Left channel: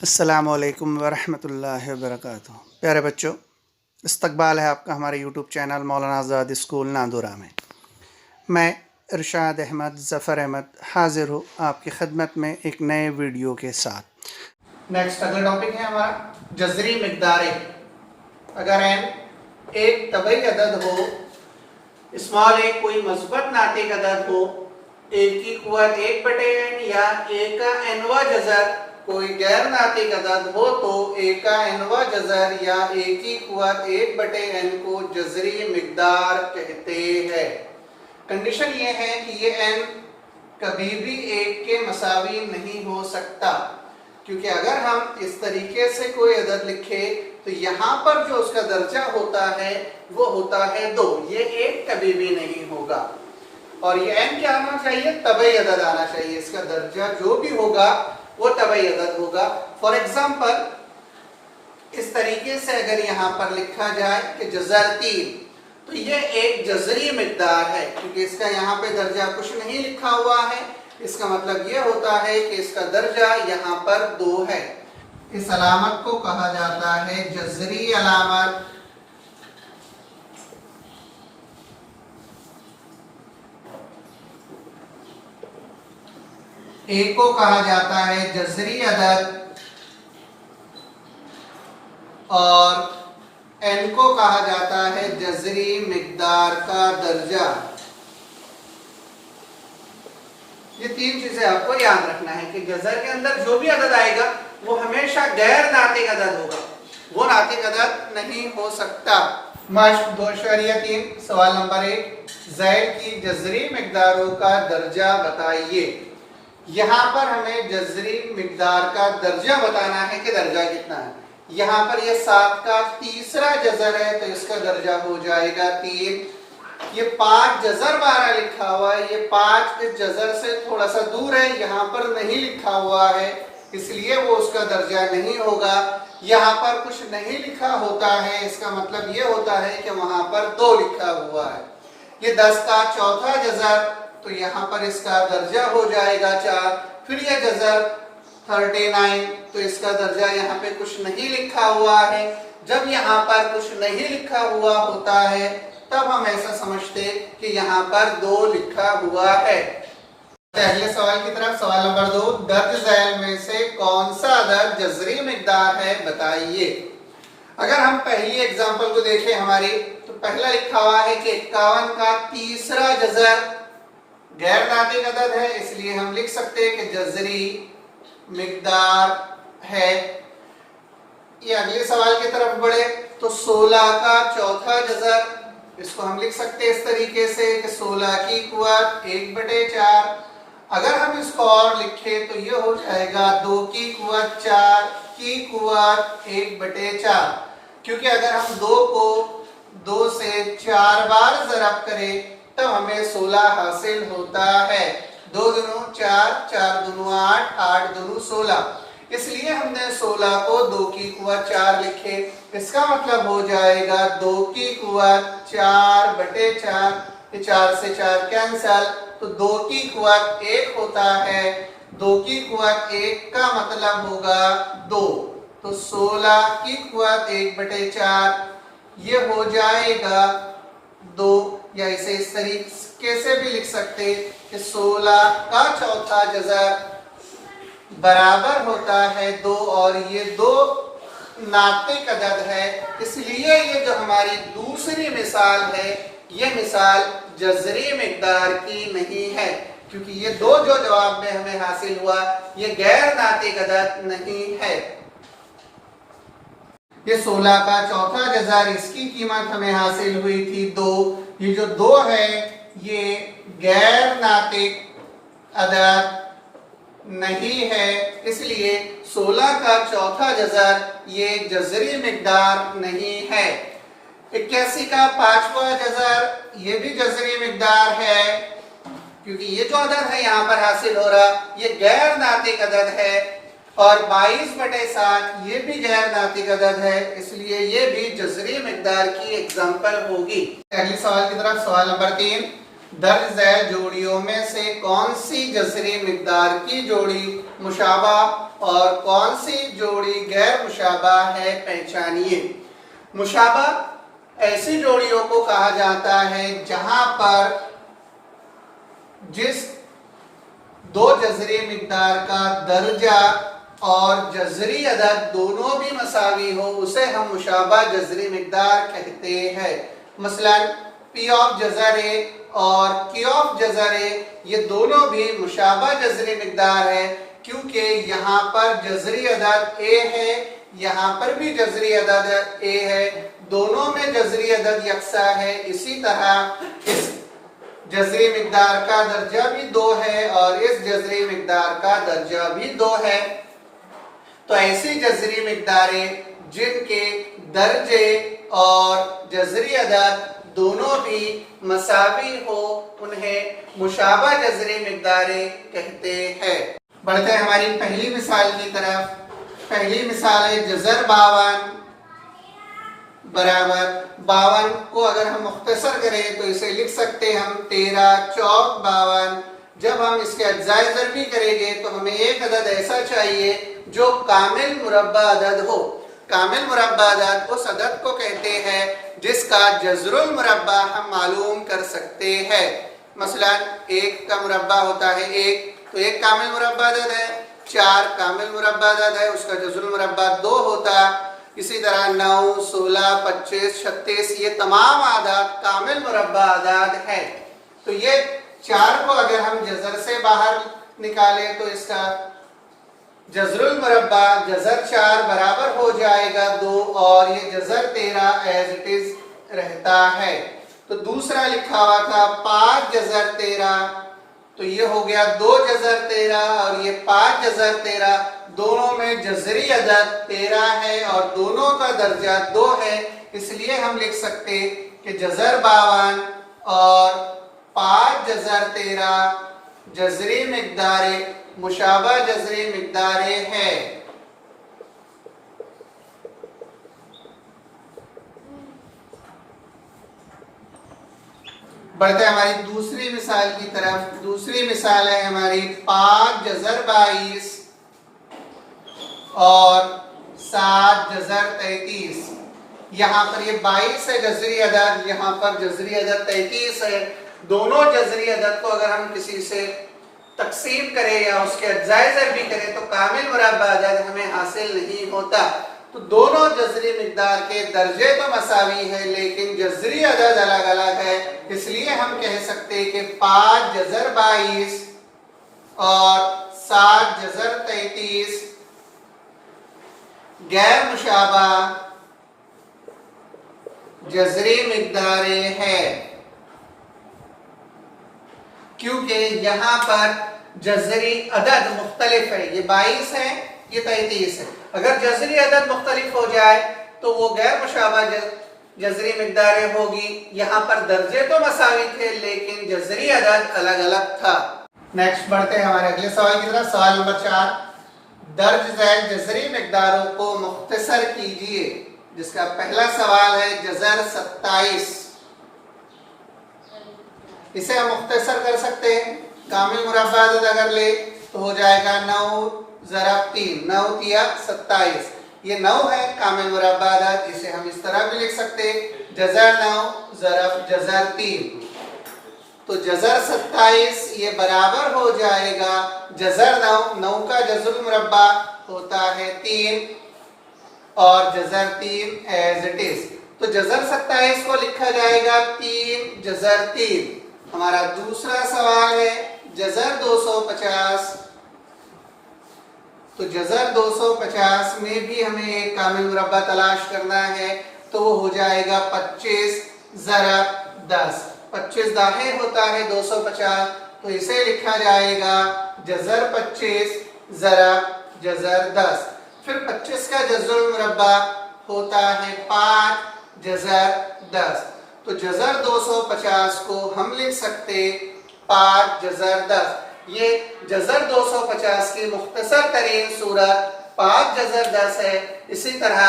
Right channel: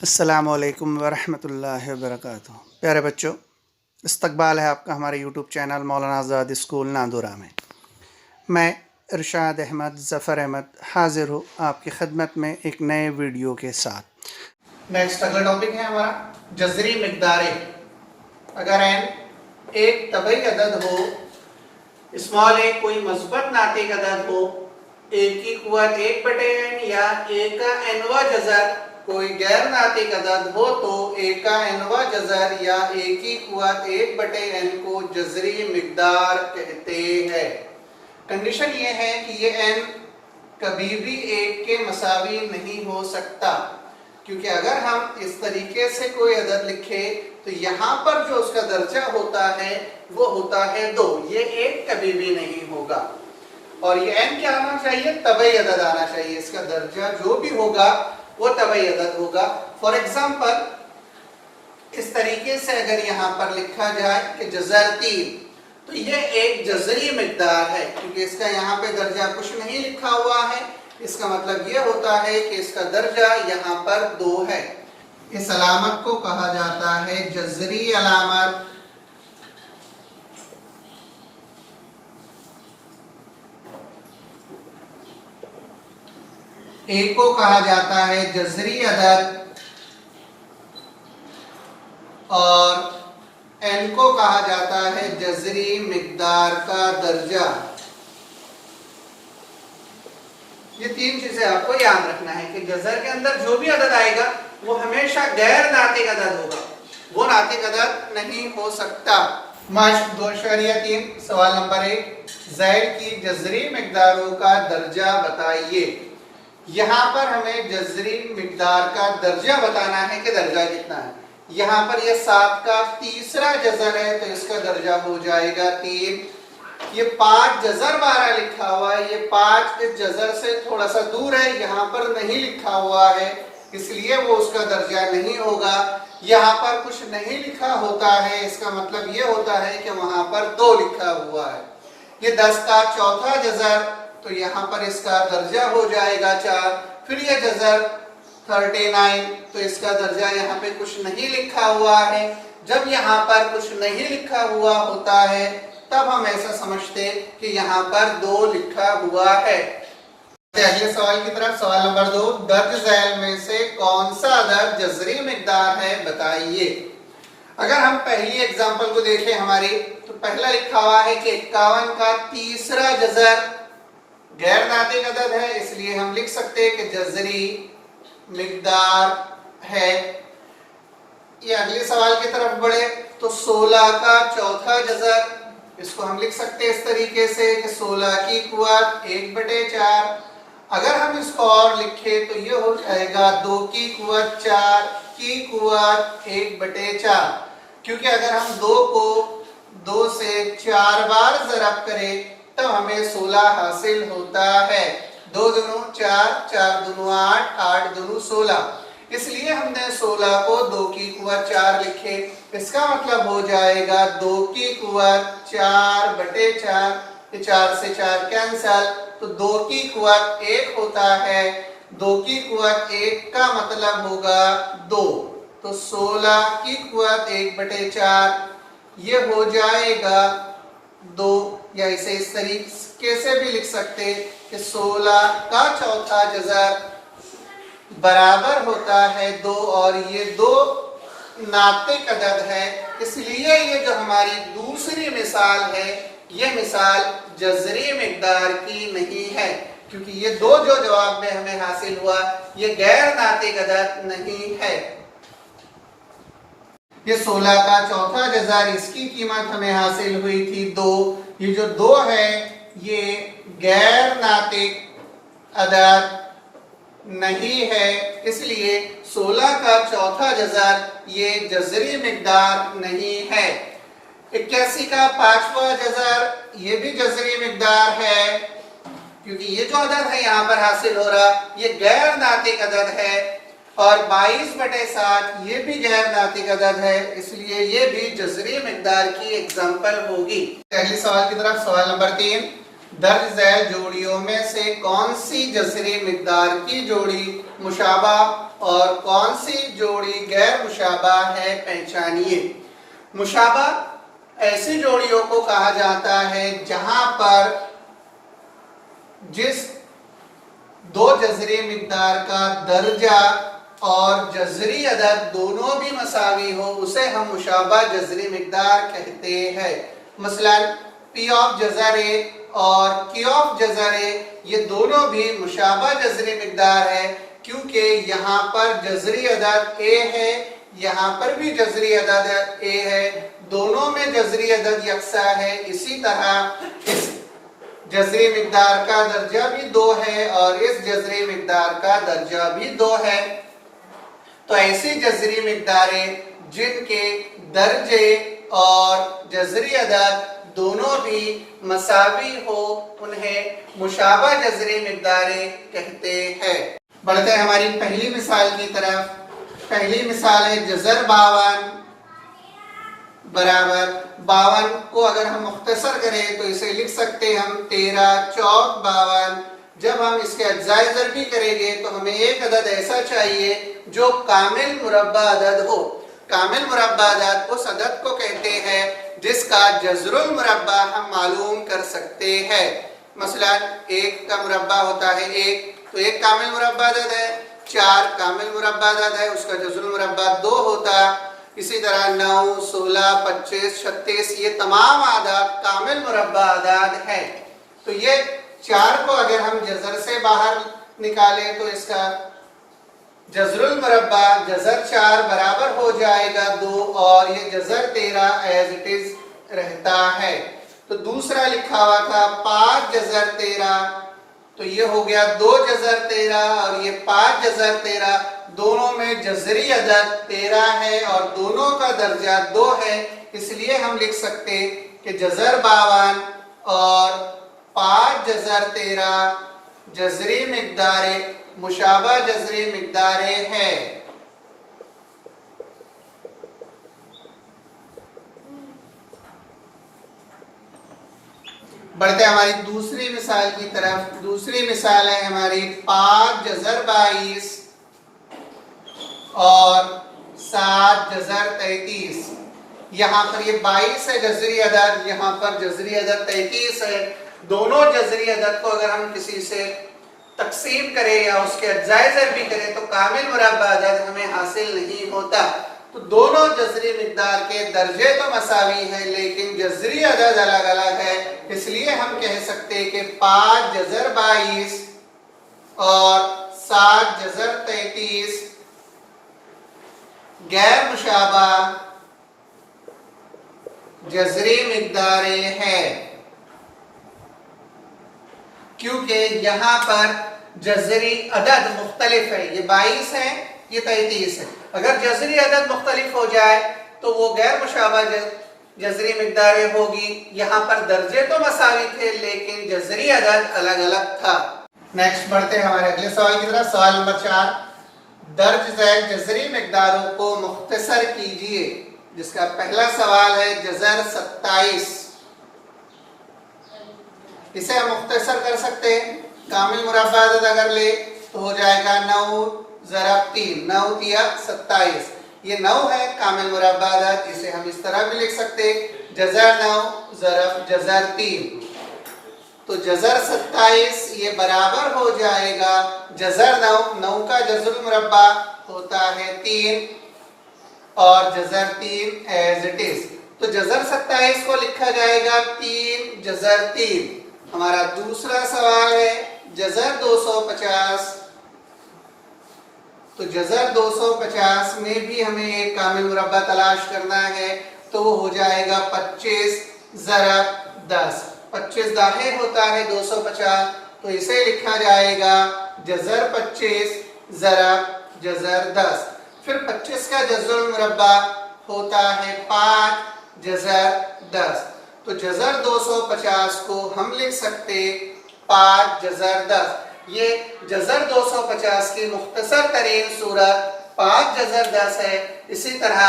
अस्सलामुअलैकुम वरहमतुल्लाहि वबरकातुहू। प्यारे बच्चों, इस्तकबाल है आपका हमारे यूट्यूब चैनल मौलाना आज़ाद स्कूल नादुरा में। मैं इरशाद अहमद ज़फ़र अहमद हाज़िर हूँ आपकी खिदमत में एक नए वीडियो के साथ। नेक्स्ट अगला टॉपिक है हमारा जज़री मिक़दारें। अगर n एक तबई अदद हो, स्मॉल a कोई मस्बत नातिक अदद हो, a की कुव्वत 1/n या a का nवा जज़र कोई गैर नातिक अदद हो तो a का nवा जज़र या a की कुव्वत 1/n को जज़री मिक़दार कहते हैं। कंडीशन ये है कि ये n कभी भी 1 के मसावी नहीं हो सकता, क्योंकि अगर हम इस तरीके से कोई अदद लिखे तो यहाँ पर जो उसका दर्जा होता है वो होता है 2। ये 1 कभी भी नहीं होगा। और ये n क्या आना चाहिए? तबई अदद आना चाहिए। इसका दर्जा जो भी होगा वो तबई अदद होगा। फॉर एग्जाम्पल इस तरीके से अगर यहाँ पर लिखा जाए कि जज़र 3, तो ये एक जज़री मिक़दार है, क्योंकि इसका यहाँ पे दर्जा कुछ नहीं लिखा हुआ है। इसका मतलब ये होता है कि इसका दर्जा यहाँ पर 2 है। इस अलामत को कहा जाता है जज़री अलामत। ए को कहा जाता है जज़री अदद और एन को कहा जाता है जज़री मिक़दार का दर्जा। ये 3 चीजें आपको याद रखना है कि जज़र के अंदर जो भी अदद आएगा वो हमेशा गैर नातिक अदद होगा, वो नातिक अदद नहीं हो सकता। मश्क 2.3 सवाल नंबर 1, ज़ैद की जज़री मिक़दारों का दर्जा बताइए। यहाँ पर हमें जज़री मिक़दार का दर्जा बताना है कि दर्जा कितना है। यहाँ पर ये 7 का तीसरा जज़र है तो इसका दर्जा हो जाएगा 3। ये 5 जज़र 12 लिखा हुआ है, ये 5 इस जज़र से थोड़ा सा दूर है, यहाँ पर नहीं लिखा हुआ है, इसलिए वो उसका दर्जा नहीं होगा। यहाँ पर कुछ नहीं लिखा होता है, इसका मतलब ये होता है कि वहां पर 2 लिखा हुआ है। ये 10 का चौथा जज़र, तो यहाँ पर इसका दर्जा हो जाएगा 4। फिर ये जज़र 39, तो इसका दर्जा यहाँ पे कुछ नहीं लिखा हुआ है। जब यहाँ पर कुछ नहीं लिखा हुआ होता है तब हम ऐसा समझते कि यहाँ पर 2 लिखा हुआ है। अगले सवाल की तरफ, सवाल नंबर 2, दर्ज झैल में से कौन सा अदद जज़री मिक़दार है बताइए। अगर हम पहली एग्जांपल को देखें हमारी, तो पहला लिखा हुआ है कि 51 का तीसरा जज़र गैर नातिक अदद है, इसलिए हम लिख सकते हैं कि जज़री मिक़दार है। ये अगले सवाल की तरफ बढ़े तो 16 का चौथा जज़र, इसको हम लिख सकते हैं इस तरीके से कि 16 की कुव्वत 1/4। अगर हम इसको और लिखें तो ये हो जाएगा 2 की कुव्वत 4 की कुव्वत 1/4, क्योंकि अगर हम 2 को 2 से 4 बार ज़रब करें तब हमें 16 हासिल होता है। 2 दूनी 4, 4 दूनी 8, 8 दूनी 16, इसलिए हमने 16 को 2 की कुव्वत 4 लिखे। इसका मतलब हो जाएगा 2 की कुव्वत 4/4, 4 से 4 कैंसल, तो 2 की कुव्वत 1 होता है। 2 की कुव्वत 1 का मतलब होगा 2, तो 16 की कुव्वत 1/4 ये हो जाएगा 2। या इसे इस तरीके से भी लिख सकते कि 16 का चौथा जज़र बराबर होता है 2, और ये 2 नातिक अदद है, इसलिए ये जो हमारी दूसरी मिसाल है ये मिसाल जज़री मिक़दार की नहीं है, क्योंकि ये 2 जो जवाब में हमें हासिल हुआ ये गैर नातिक अदद नहीं है। ये 16 का चौथा जज़र, इसकी कीमत हमें हासिल हुई थी 2। ये जो 2 है ये गैर नातिक अदद नहीं है, इसलिए 16 का चौथा जज़र ये जज़री मिक़दार नहीं है। 81 का 5वां जज़र ये भी जज़री मिक़दार है, क्योंकि ये जो अदद है यहाँ पर हासिल हो रहा ये गैर नातिक अदद है। और 22/7 ये भी गैर नातिक अदद है, इसलिए ये भी जज़री मिक़दार की एग्जाम्पल होगी। अगले सवाल की तरफ, सवाल नंबर 3, दर्ज झैल जोड़ियों में से कौन सी जज़री मिक़दार की जोड़ी मुशाबा और कौन सी जोड़ी गैर मुशाबा है, पहचानिए। मुशाबा ऐसी जोड़ियों को कहा जाता है जहां पर जिस दो जज़री मिक़दार का दर्जा और जज़री अदद दोनों भी मसावी हो, उसे हम मुशाबा जज़री मिक़दार कहते हैं। मसलन P ऑफ जज़र ए और Q ऑफ जज़र ए, ये दोनों भी मुशाबा जज़री मिक़दार है, क्योंकि यहाँ पर जज़री अदद ए है, यहाँ पर भी जज़री अदद ए है, दोनों में जज़री अदद यकसा है। इसी तरह इस जज़री मिक़दार का दर्जा भी 2 है और इस जज़री मिक़दार का दर्जा भी 2 है। तो ऐसी जज़री मिक़दारें जिनके दर्जे और जज़री अदद दोनों भी मसावी हो, उन्हें मुशाबा जज़री मिक़दारें कहते हैं। बढ़ते हैं हमारी पहली मिसाल की तरफ। पहली मिसाल है जज़र 52 बराबर 52 को अगर हम मुख्तसर करें तो इसे लिख सकते हैं हम 13 चौक 52। जब हम इसके अज्जाए ज़रबी करेंगे तो हमें एक अदद ऐसा चाहिए जो कामिल मुरब्बा अदद हो। कामिल मुरब्बा अदद उस अदद को कहते हैं जिसका जज़रुल मुरब्बा हम मालूम कर सकते हैं। मसलन 1 का मुरब्बा होता है 1, तो 1 कामिल मुरब्बा अदद है। 4 कामिल मुरब्बा अदद है, उसका जज़रुल मुरब्बा 2 होता। इसी तरह 9, 16, 25, 36 ये तमाम आदाद कामिल मुरब्बा अदद है। तो ये 4 को अगर हम जज़र से बाहर निकालें तो इसका जज़रुल मुरब्बा जज़र 4 बराबर हो जाएगा 2 और ये जज़र 13 एज इट इज रहता है। तो दूसरा लिखा हुआ था 5 जज़र 13, तो ये हो गया 2 जज़र 13 और ये 5 जज़र 13, दोनों में जज़री अदद 13 है और दोनों का दर्जा 2 है। इसलिए हम लिख सकते कि जज़र 52 और 5 जज़र 13 जज़री मिक़दारें मुशाबा जज़री मिक़दारें हैं। बढ़ते हमारी दूसरी मिसाल की तरफ। दूसरी मिसाल है हमारी 5 जज़र 22 और 7 जज़र 33। यहाँ पर ये 22 है जज़री अदद, यहाँ पर जज़री अदद 33 है। दोनों जज़री अदद को अगर हम किसी से तकसीम करें या उसके अज्जाए ज़रबी करें तो कामिल मुरब्बा अदद हमें हासिल नहीं होता। तो दोनों जज़री मिक़दार के दर्जे तो मसावी है लेकिन जज़री अदद अलग अलग है। इसलिए हम कह सकते हैं कि 5 जज़र 22 और 7 जज़र 33 गैर मुशाबा जज़री मिक़दारें हैं, क्योंकि यहाँ पर जज़री अदद मुख्तलिफ है। ये 22 है, ये 33 है। अगर जज़री अदद मुख्तलिफ हो जाए तो वो गैर मुशाबा जज़री मिक़दारें होगी। यहाँ पर दर्जे तो मसावी थे लेकिन जज़री अदद अलग अलग था। नेक्स्ट बढ़ते हैं हमारे अगले सवाल की तरफ। सवाल नंबर 4, दर्ज झैल जज़री मिक़दारों को मुख्तसर कीजिए। जिसका पहला सवाल है जज़र 27। इसे हम मुख्तसर कर सकते हैं। कामिल मुरब्बा अदद अगर ले तो हो जाएगा 9 ज़रब 3, 9 तिया 27। ये 9 है कामिल मुरब्बा अदद। इसे हम इस तरह भी लिख सकते हैं जज़र 9 ज़रब जज़र 3। तो जज़र 27 ये बराबर हो जाएगा जज़र 9। 9 का जज़रुल मुरब्बा होता है 3 और जज़र 3 एज इट इज। तो जज़र 27 को लिखा जाएगा 3 जज़र 3। हमारा दूसरा सवाल है जज़र 250। तो जज़र 250 में भी हमें एक कामिल मुरब्बा तलाश करना है, तो वो हो जाएगा 25 ज़रब 10। 25 दाहिर होता है 250, तो इसे लिखा जाएगा जज़र 25 ज़रब जज़र 10। फिर 25 का जज़रुल मुरब्बा होता है 5 जज़र 10। तो जज़र 250 को हम लिख सकते 5 जज़र 10। ये जज़र 250 की मुख्तसर तरीन सूरत 5 जज़र 10 है। इसी तरह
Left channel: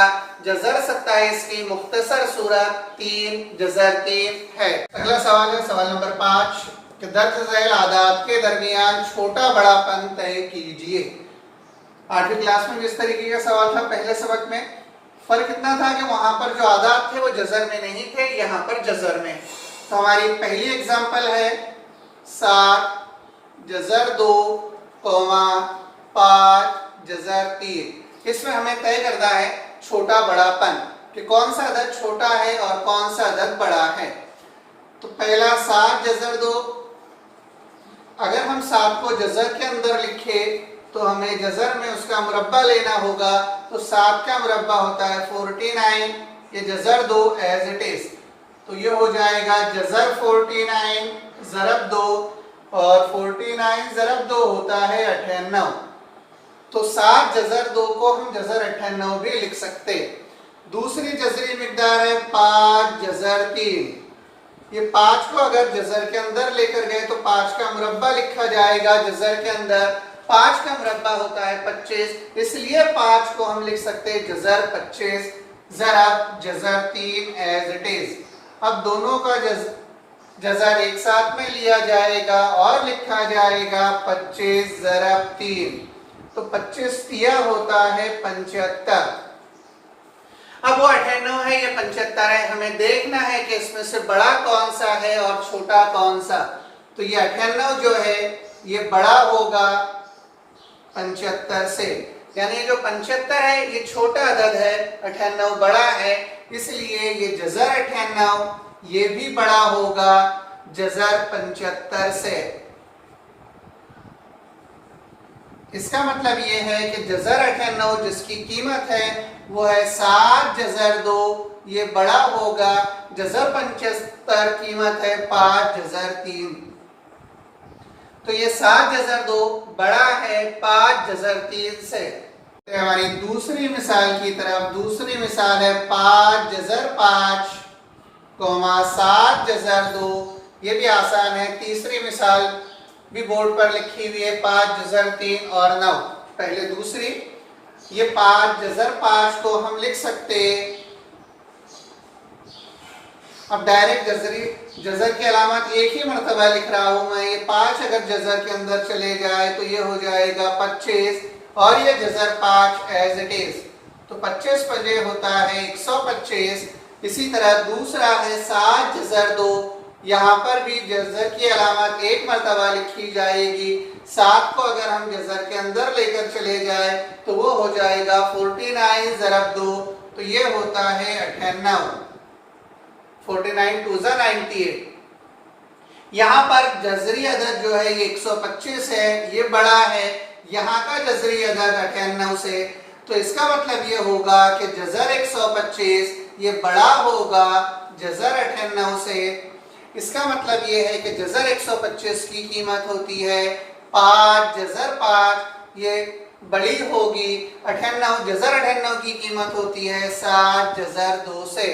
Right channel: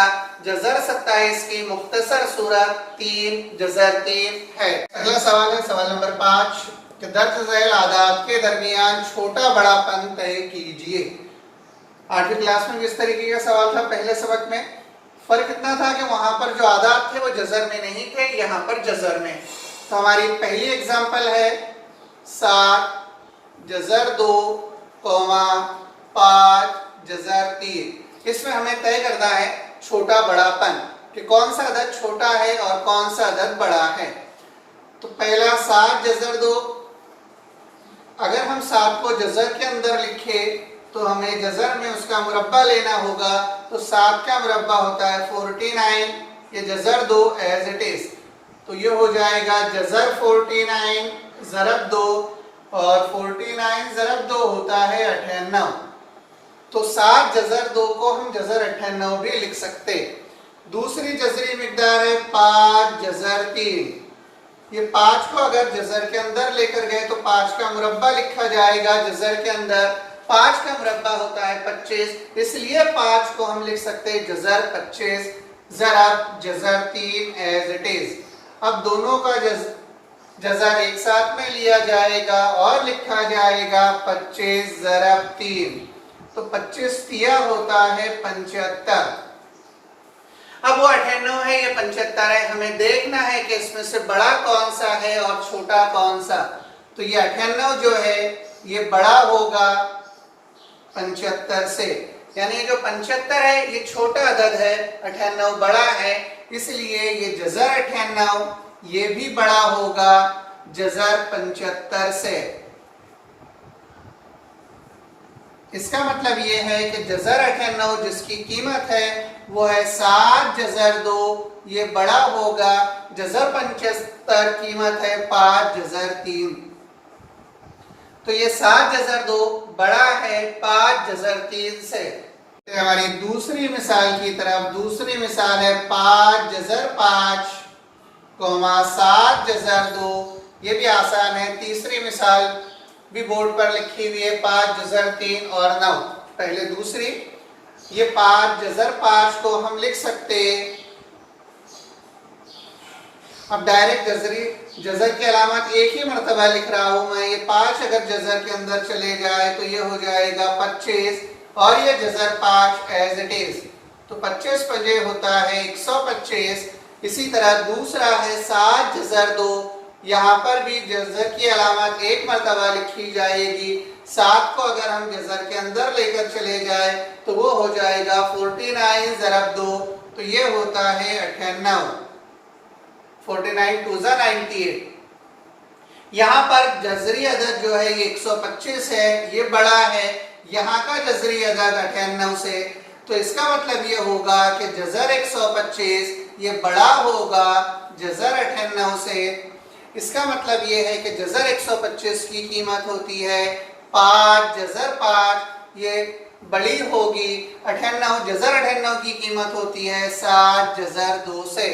जज़र 27 की मुख्तसर सूरत 3 जज़र 3 है। अगला सवाल है सवाल नंबर 5 कि दर्ज झैल आदात के दरमियान छोटा बड़ापन तय कीजिए। 8वीं क्लास में जिस तरीके का सवाल था पहले सबक में, फर्क इतना था कि वहां पर जो आदात थे वो जज़र में नहीं थे, यहाँ पर जज़र में। तो हमारी पहली एग्जांपल है 7 जज़र 2 5 जज़र 3। इसमें हमें तय करना है छोटा बड़ापन कि कौन सा अदद छोटा है और कौन सा अदद बड़ा है। तो पहला 7 जज़र 2, अगर हम 7 को जज़र के अंदर लिखे तो हमें जज़र में उसका मुरब्बा लेना होगा। तो 7 का मुरब्बा होता है 49, ये जज़र 2 एज इट इज। तो ये हो जाएगा जज़र 49 ज़रब 2, और 49 ज़रब 2 होता है 98। तो 7 जज़र 2 को हम जज़र 98 भी लिख सकते। दूसरी जज़री मिकदार है 5 जज़र 3। ये 5 को अगर जज़र के अंदर लेकर गए तो 5 का मुरब्बा लिखा जाएगा जज़र के अंदर। 5 का मुरब्बा होता है 25, इसलिए 5 को हम लिख सकते हैं जज़र 25 ज़रब जज़र 3 एज इट इज। अब दोनों का जज़र एक साथ में लिया जाएगा और लिखा जाएगा 25 ज़रब 3। तो 25 तिया होता है 75। अब वो 98 है, ये 75 है। हमें देखना है कि इसमें से बड़ा कौन सा है और छोटा कौन सा। तो ये 98 जो है ये बड़ा होगा 75 से, यानी जो 75 है ये छोटा अदद है, 98 बड़ा है, इसलिए ये जज़र 98 ये भी बड़ा होगा जज़र 75 से। इसका मतलब ये है कि जज़र 98 जिसकी कीमत है वो है 7 जज़र 2, ये बड़ा होगा जज़र 75 कीमत है 5 जज़र 3। तो ये 7 जज़र 2 बड़ा है 5 जज़र 3 से। तो हमारी दूसरी मिसाल की तरफ, दूसरी मिसाल है 5 जज़र 5 7 जज़र 2। ये भी आसान है। तीसरी मिसाल भी बोर्ड पर लिखी हुई है 5 जज़र 3 और 9। पहले दूसरी, ये 5 जज़र 5 को हम लिख सकते, अब डायरेक्ट जज़र की अलामत एक ही मरतबा लिख रहा हूं मैं। ये 5 अगर जज़र के अंदर चले जाए तो ये हो जाएगा 25, और ये जज़र 5 एज इट इज। तो 25 पजे होता है 125। इसी तरह दूसरा है 7 जज़र 2, यहाँ पर भी जज़र की अलामत एक मरतबा लिखी जाएगी। 7 को अगर हम जज़र के अंदर लेकर चले जाए तो वो हो जाएगा 49 ज़रब 2, तो ये होता है 98। 49 2 98। यहाँ पर जज़री अदद जो है ये 125 है, ये बड़ा है यहाँ का जज़री अदद 98 से। तो इसका मतलब ये होगा कि जज़र 125 ये बड़ा होगा जज़र 98 से। इसका मतलब ये है कि जज़र 125 की कीमत होती है 5 जज़र 5, ये बड़ी होगी 98। जज़र 98 की कीमत होती है 7 जज़र 2 से।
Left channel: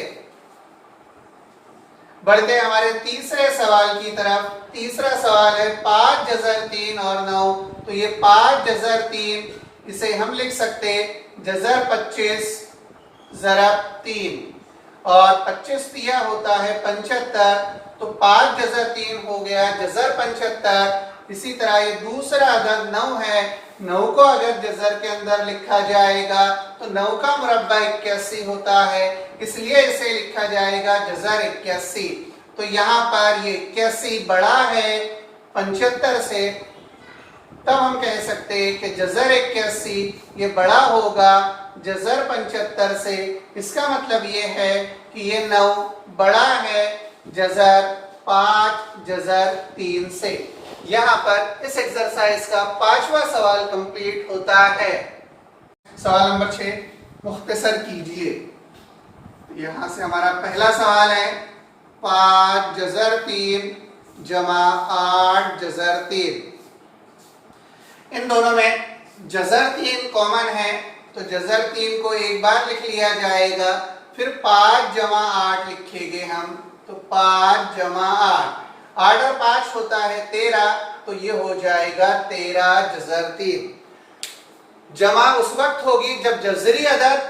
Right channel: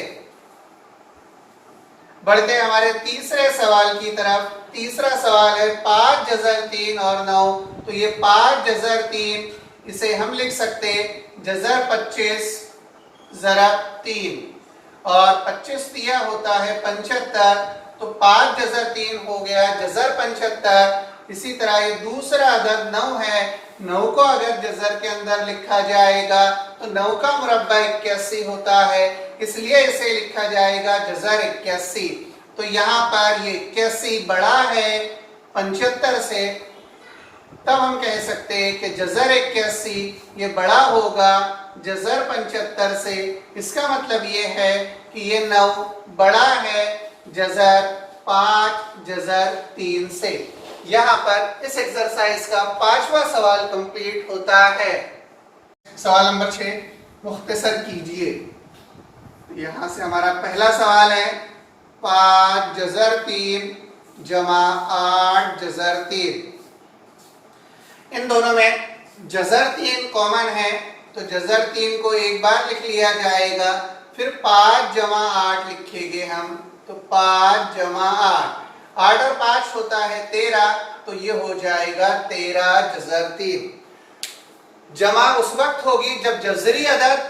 बढ़ते हैं हमारे तीसरे सवाल की तरफ। तीसरा सवाल है 5 जज़र 3 और 9। तो ये 5 जज़र 3, इसे हम लिख सकते जज़र 25 ज़रब 3, और 25 तिया होता है 75। तो 5 जज़र 3 हो गया जज़र 75। इसी तरह ये दूसरा अदद 9 है, 9 को अगर जज़र के अंदर लिखा जाएगा तो 9 का मुरब्बा 81 होता है, इसलिए इसे लिखा जाएगा जज़र 81। तो यहाँ पर ये 81 बड़ा है 75 से, तब हम कह सकते हैं कि जज़र 81 ये बड़ा होगा जज़र 75 से। इसका मतलब ये है कि ये 9 बड़ा है जज़र 5 जज़र 3 से। यहाँ पर इस एक्सरसाइज का 5वां सवाल कंप्लीट होता है। सवाल नंबर 6 मुख्तसर कीजिए। यहाँ से हमारा पहला सवाल है 5 जज़र 3 जमा 8 जज़र 3। इन दोनों में जज़र 3 कॉमन है, तो जज़र 3 को एक बार लिख लिया जाएगा, फिर 5 जमा 8 लिखेंगे हम। तो 5 जमा 8, 8 और 5 होता है 13, तो ये हो जाएगा 13 जज़र 3। जमा उस वक्त होगी जब जज़री अदद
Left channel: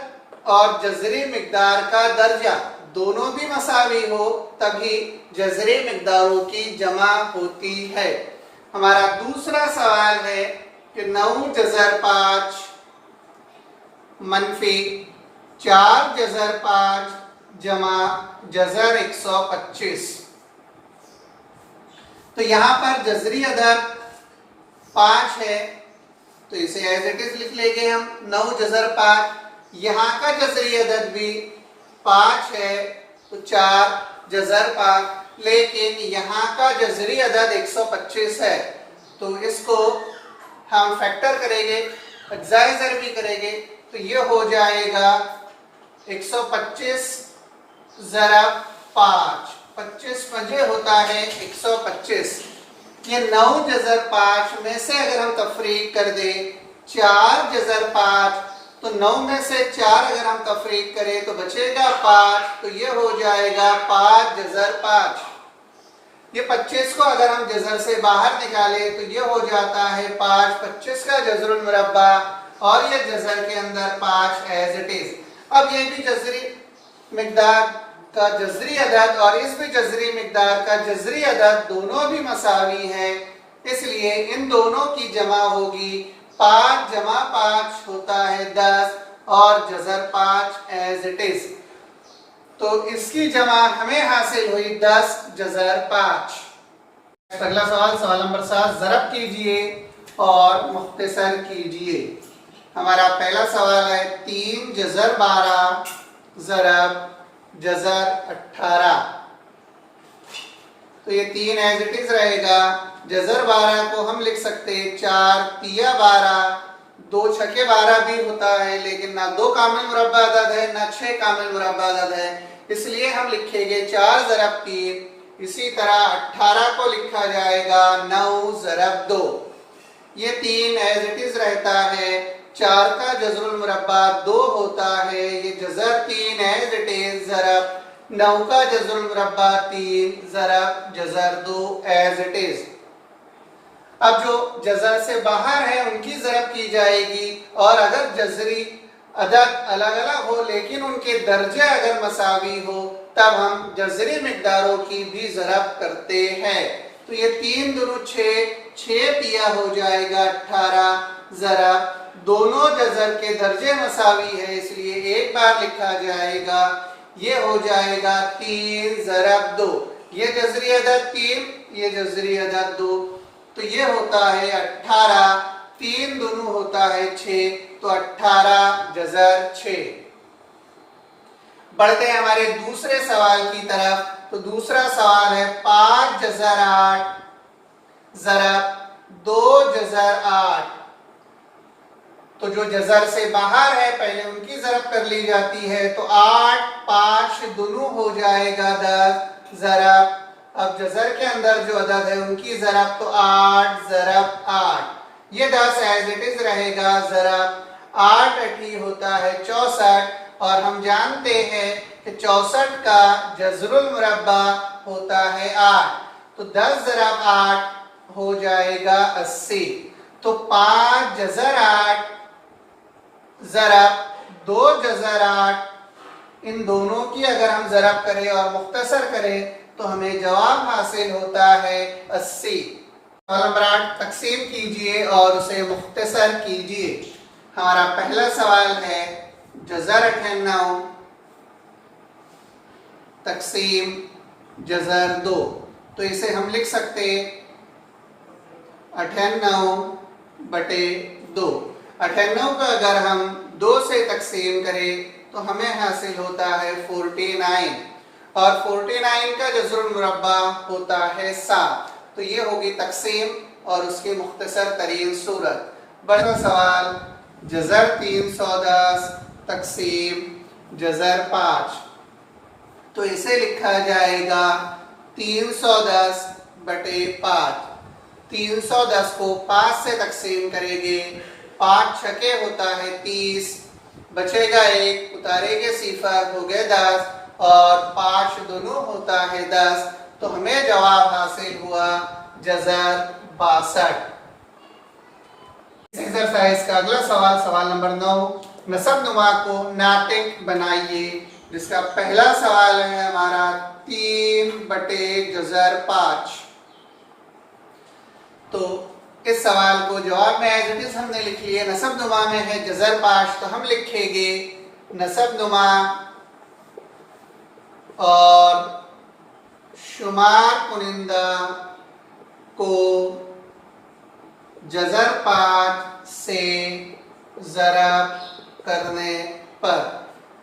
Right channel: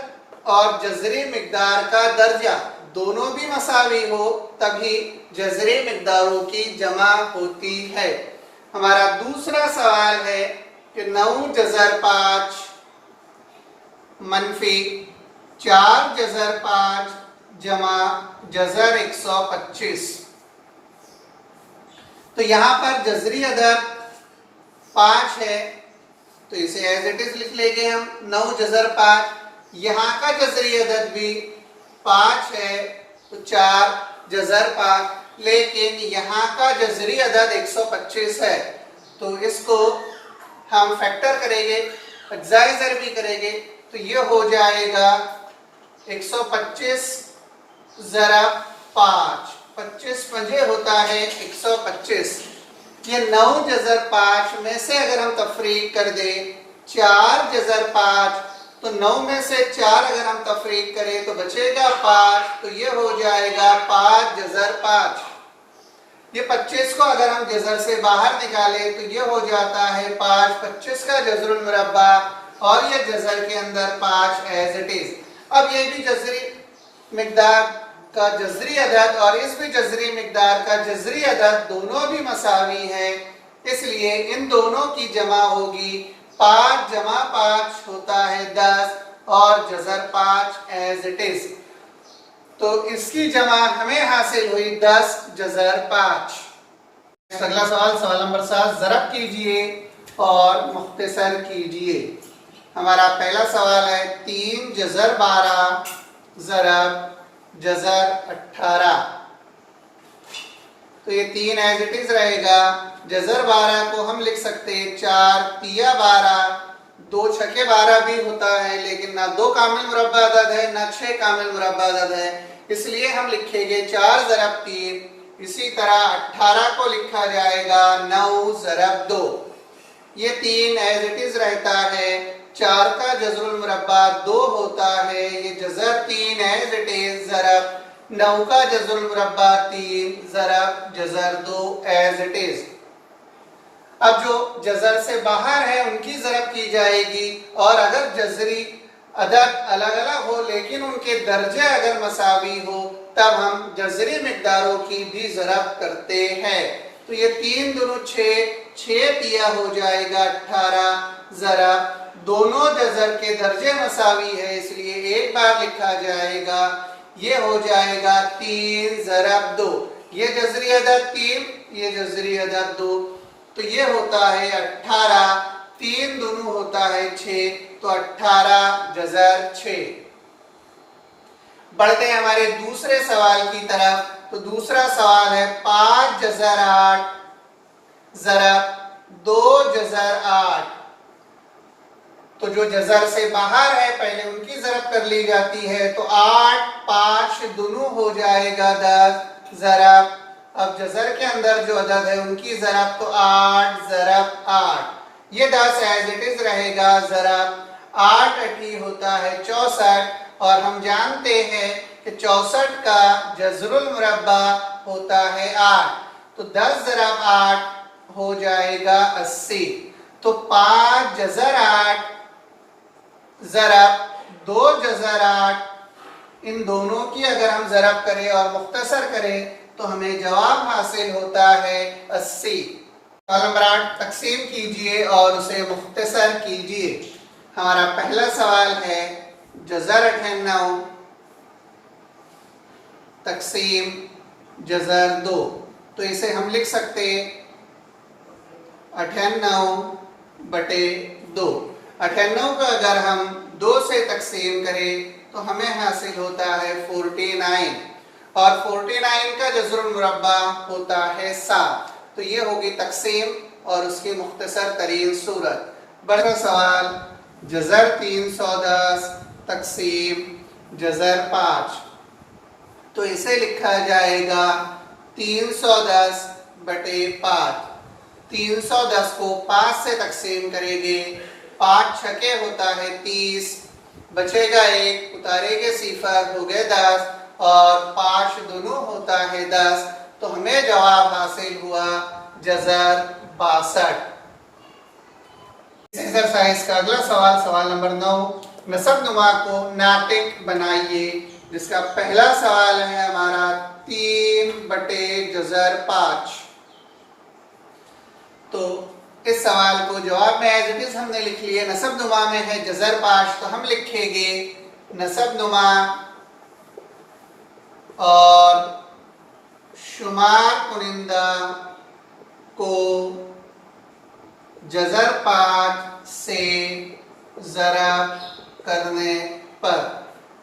और जज़री मिकदार का दर्जा दोनों भी मसावी हो, तभी जज़री मिकदारों की जमा होती है। हमारा दूसरा सवाल है कि 9 जज़र 5 मनफी 4 जज़र 5 जमा जज़र 125। तो यहां पर जज़री अदद 5 है, तो इसे एज इट इज लिख लेंगे हम 9 जज़र 5। यहाँ का जज़री अदद भी 5 है, तो 4 जज़र 5, लेकिन यहाँ का जज़री अदद 125 है, तो इसको हम फैक्टर करेंगे, एक्साइजर भी करेंगे, तो ये हो जाएगा 125 ज़रब 5, 25 पंजे होता है 125। ये 9 जज़र 5 में से अगर हम तफरीक कर दें 4 जज़र 5, तो 9 में से 4 अगर हम तफरीक करें तो बचेगा 5, तो ये हो जाएगा 5 जज़र 5। ये 25 को अगर हम जज़र से बाहर निकालें तो ये हो जाता है 5, 25 का जज़रुल मुरब्बा, और ये जज़र के अंदर 5 एज इट इज। अब ये भी जज़री मिकदार का जज़री अदद और इस भी जज़री मिकदार का जज़री अदद दोनों भी मसावी है, इसलिए इन दोनों की जमा होगी 5 जमा 5 होता है 10, और जज़र 5 एज इट इज। तो इसकी जमा हमें हासिल हुई 10 जज़र 5। अगला सवाल, सवाल नंबर 7, ज़रब कीजिए और मुख्तसर कीजिए। हमारा पहला सवाल है 3 जज़र 12 ज़रब जज़र 18। तो ये 3 एज इट इज रहेगा। जज़र 12 को हम लिख सकते हैं 4 तिया 12, 2 छके 12 भी होता है, लेकिन ना 2 कामिल मुरब्बा अदद है ना 6 कामिल मुरब्बा अदद है, इसलिए हम लिखेंगे 4 ज़रब 3। इसी तरह 18 को लिखा जाएगा 9 ज़रब 2। ये 3 एज इट इज रहता है। 4 का जज़रुल मुरब्बा 2 होता है, ये जज़र 3 एज इट इज ज़रब 9 का जज़रुल मुरब्बा 3 ज़रब जज़र 2 एज इट इज। अब जो जज़र से बाहर है उनकी ज़रब की जाएगी, और अगर जज़री अदद अलग अलग हो लेकिन उनके दर्जे अगर मसावी हो तब हम जज़री मिकदारों की भी ज़रब करते हैं। तो ये 3 दूनी 6 तिया हो जाएगा 18 ज़रब, दोनों जज़र के दर्जे मसावी है इसलिए एक बार लिखा जाएगा, ये हो जाएगा 3 ज़रब 2। ये जज़री अदद 3, ये जज़री अदद 2, तो ये होता है 18, 3 दूनी होता है 6, तो 18 जज़र 6। बढ़ते हैं हमारे दूसरे सवाल की तरफ। तो दूसरा सवाल है 5 जज़र 8 ज़रब 2 जज़र 8। तो जो जज़र से बाहर है पहले उनकी ज़रब कर ली जाती है, तो 8 5 दूनी हो जाएगा 10 ज़रब। अब जज़र के अंदर जो अदद है उनकी ज़रब, तो 8 ज़रब 8, ये 10 एज इट इज रहेगा ज़रब। 8 8 होता है 64, और हम जानते हैं कि 64 का जज़रुल मुरब्बा होता है 8, तो 10 ज़रब 8 हो जाएगा 80। तो 5 जज़र 8 ज़रब 2 जज़र 8, इन दोनों की अगर हम ज़रब करें और मुख्तसर करें तो हमें जवाब हासिल होता है 80। सवाल नंबर 8, तकसीम कीजिए और उसे मुख्तसर कीजिए। हमारा पहला सवाल है जज़र 98 तकसीम जज़र 2। तो इसे हम लिख सकते 98/2। 98 को अगर हम 2 से तकसीम करें तो हमें हासिल होता है 49, और 49 का जज़रुल मुरब्बा होता है 7। तो ये होगी तकसीम और उसकी मुख्तसर तरीन सूरत। बड़ा सवाल जज़र 310 तकसीम जज़र 5। तो इसे लिखा जाएगा 310/5। 310 को 5 से तकसीम करेंगे, 5 छके होता है 30, बचेगा 1, उतारेंगे सिफर, हो गए 10, और 5 दोनों होता है 10, तो हमें जवाब हासिल हुआ जज़र 62। एक्सरसाइज का अगला सवाल, सवाल नंबर 9, नसबनुमा को नातिक बनाइए। जिसका पहला सवाल है हमारा 3/5। तो इस सवाल को जवाब में एज इट इज हमने लिख लिया। नसबनुमा में है जजर 5, तो हम लिखेंगे नसबनुमा और शुमार कुनिंदा को जजर 5 से ज़रब करने पर,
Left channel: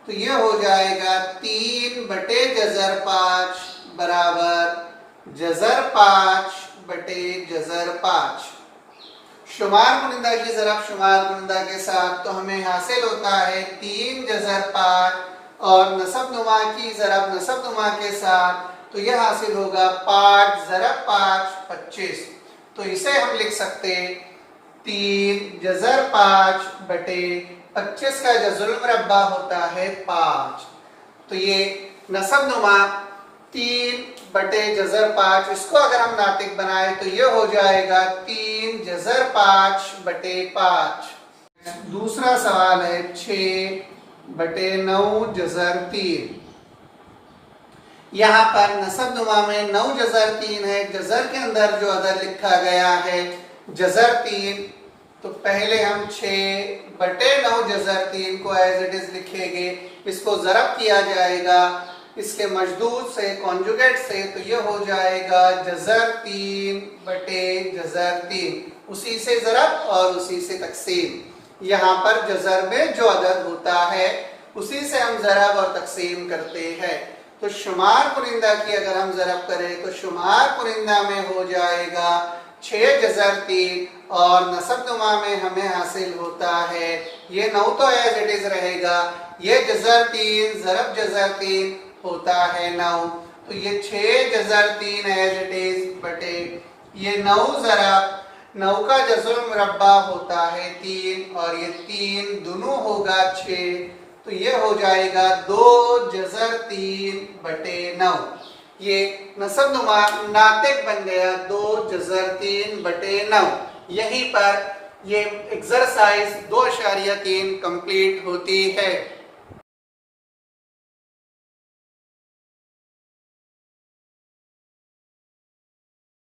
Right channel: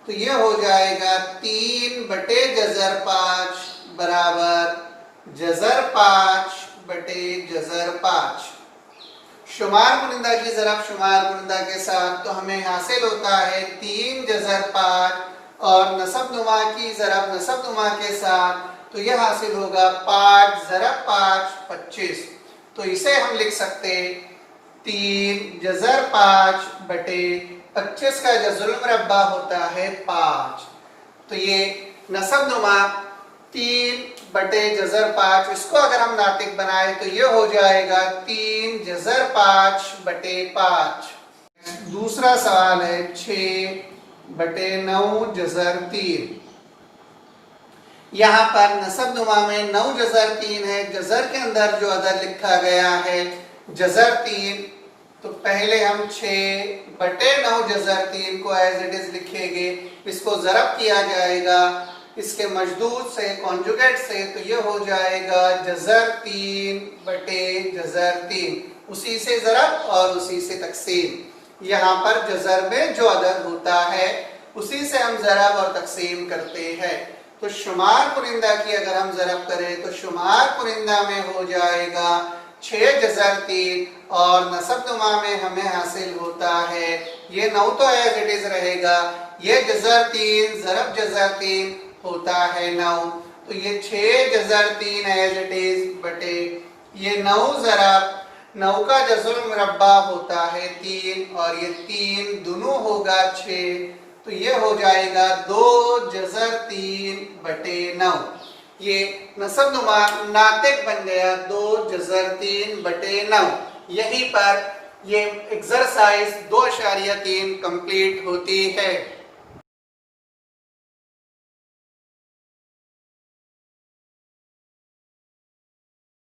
तो ये हो जाएगा 3/जजर 5 बराबर जजर 5/जजर 5। शुमार कुनिंदा की ज़रब शुमार कुनिंदा के साथ, तो हमें हासिल होता है 3/5 और नसबनुमा की ज़रब नसबनुमा के साथ, तो यह हासिल होगा 5/5 25। तो इसे हम लिख सकते 3/5/25 का जज़रुल मुरब्बा होता है 5। तो ये नसबनुमा 3/जज़र 5, इसको अगर हम नातिक बनाए तो ये हो जाएगा 3/5/5। दूसरा सवाल है 6/9 यहाँ पर नसबनुमा में 9/3 है। जजर के अंदर जो अदद लिखा गया है जजर 3, तो पहले हम 6/9 को एज इट इज लिखेंगे। इसको ज़रब किया जाएगा इसके मजदूद से, कॉन्जुगेट से, तो ये हो जाएगा जजर 3/जजर 3। उसी से ज़रब और उसी से तकसीम। यहाँ पर जजर में जो अदद होता है उसी से हम ज़रब और तकसीम करते हैं। तो शुमार कुनिंदा की अगर हम ज़रब करें तो शुमार कुनिंदा में हो जाएगा 6/3 और नसबनुमा में हमें हासिल होता है, ये 9 तो एज इट इज रहेगा, ये जजर 3 ज़रब जजर 3 होता है 9। तो ये 6/3 एज इट इज बटे ये 9 ज़रब 9 का जज़रुल मुरब्बा होता है 3 और ये 3 दोनों होगा 6, तो ये हो जाएगा 2/3/9। ये नसबनुमा नातिक बन गया 2/3/9। यहीं पर ये एक्सरसाइज 2.3 कंप्लीट होती है।